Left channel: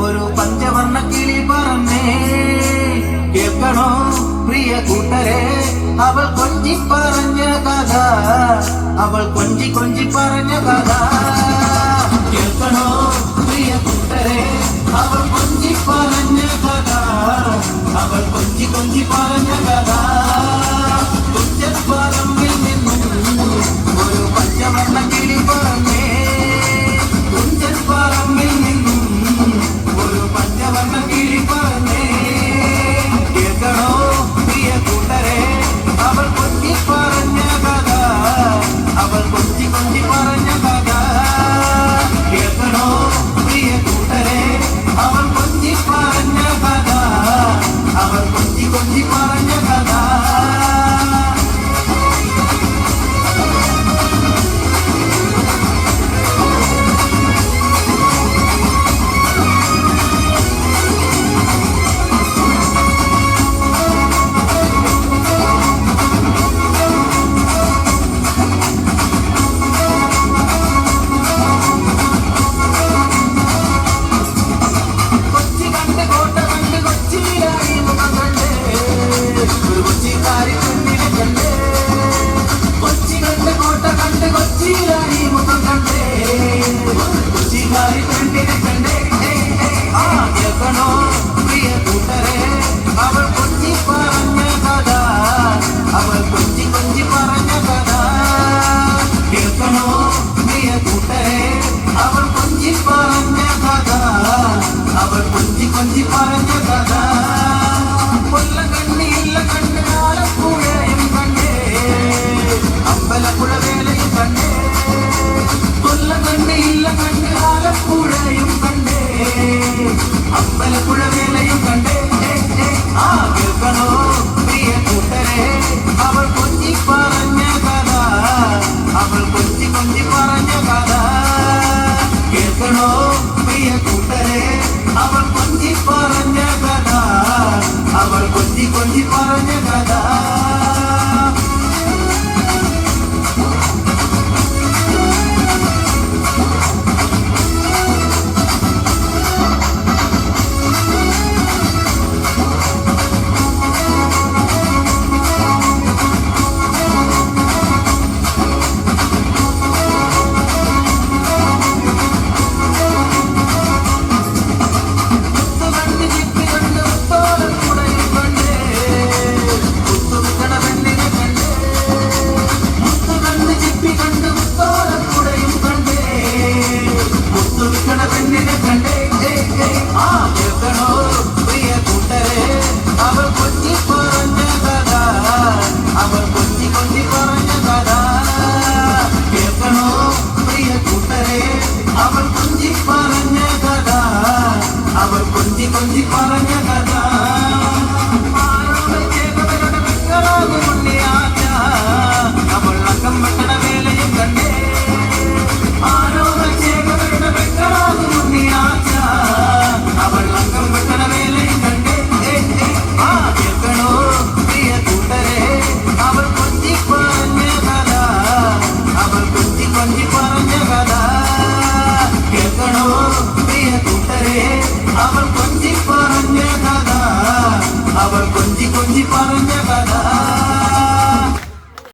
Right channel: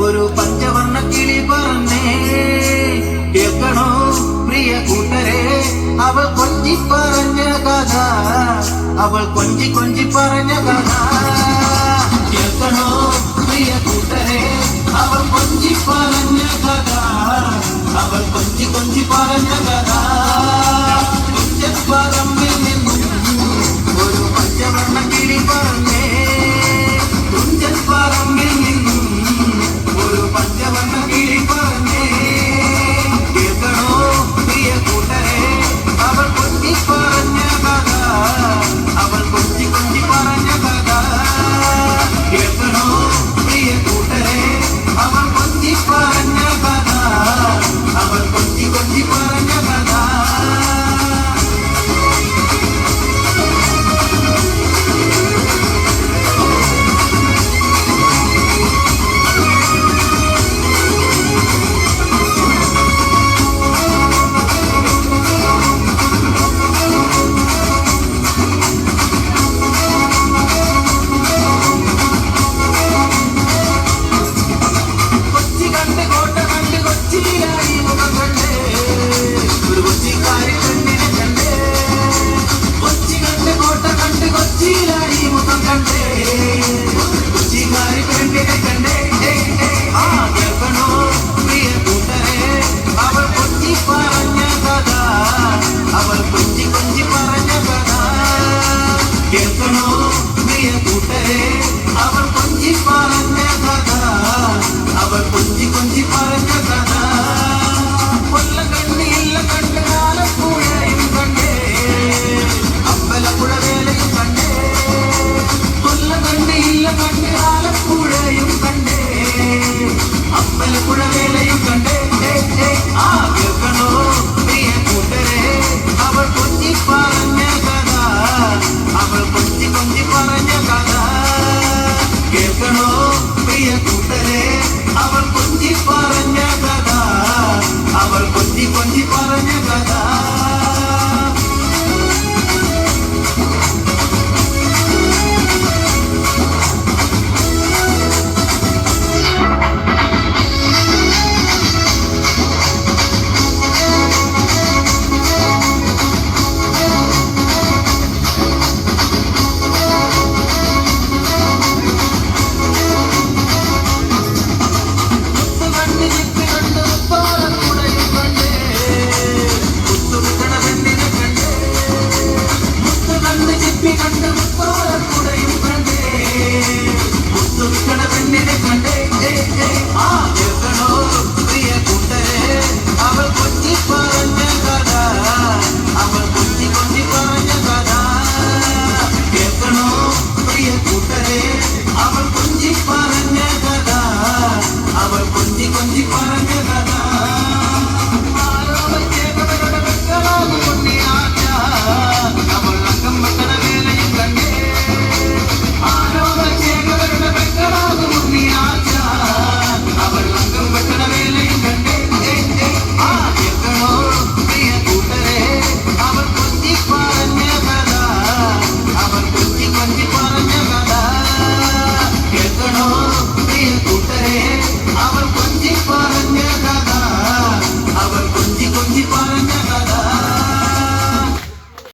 ഒരു പഞ്ചവർണ്ണ കിളി പറഞ്ഞേ കേൾക്കണോ പ്രിയ കൂട്ടരെ അവൾ കൊഞ്ചി പറഞ്ഞ കഥ അവൾ കൊഞ്ചി കൊഞ്ചി പറഞ്ഞ കഥ കേൾക്കണോ പ്രിയ കൂട്ടരെ അവൾ കൊഞ്ചി പറഞ്ഞ കഥ അവൾ കൊഞ്ചി കൊഞ്ചി പറഞ്ഞ കഥ പറമ്പിൽ നിന്നും ഒരു പഞ്ചവർണ്ണ കിളി പറഞ്ഞേ പറമ്പിൽ നിന്നും ഒരു പഞ്ചവർണ്ണ കിളി പറഞ്ഞേ കേൾക്കണോ പ്രിയ കൂട്ടരെ അവൾ കൊഞ്ചി പറഞ്ഞ കഥ അവൾ കൊഞ്ചി കൊഞ്ചി പറഞ്ഞ കഥ കേൾക്കണോ പ്രിയ കൂട്ടരെ അവൾ കൊഞ്ചി പറഞ്ഞ കഥ അവൾ കൊഞ്ചി കൊഞ്ചി പറഞ്ഞ കഥ പ്രിയ കൂട്ടരെ അവൾ കൊഞ്ചി പറഞ്ഞ കഥ അവൾ കൊഞ്ചി കൊഞ്ചി പറഞ്ഞ കഥ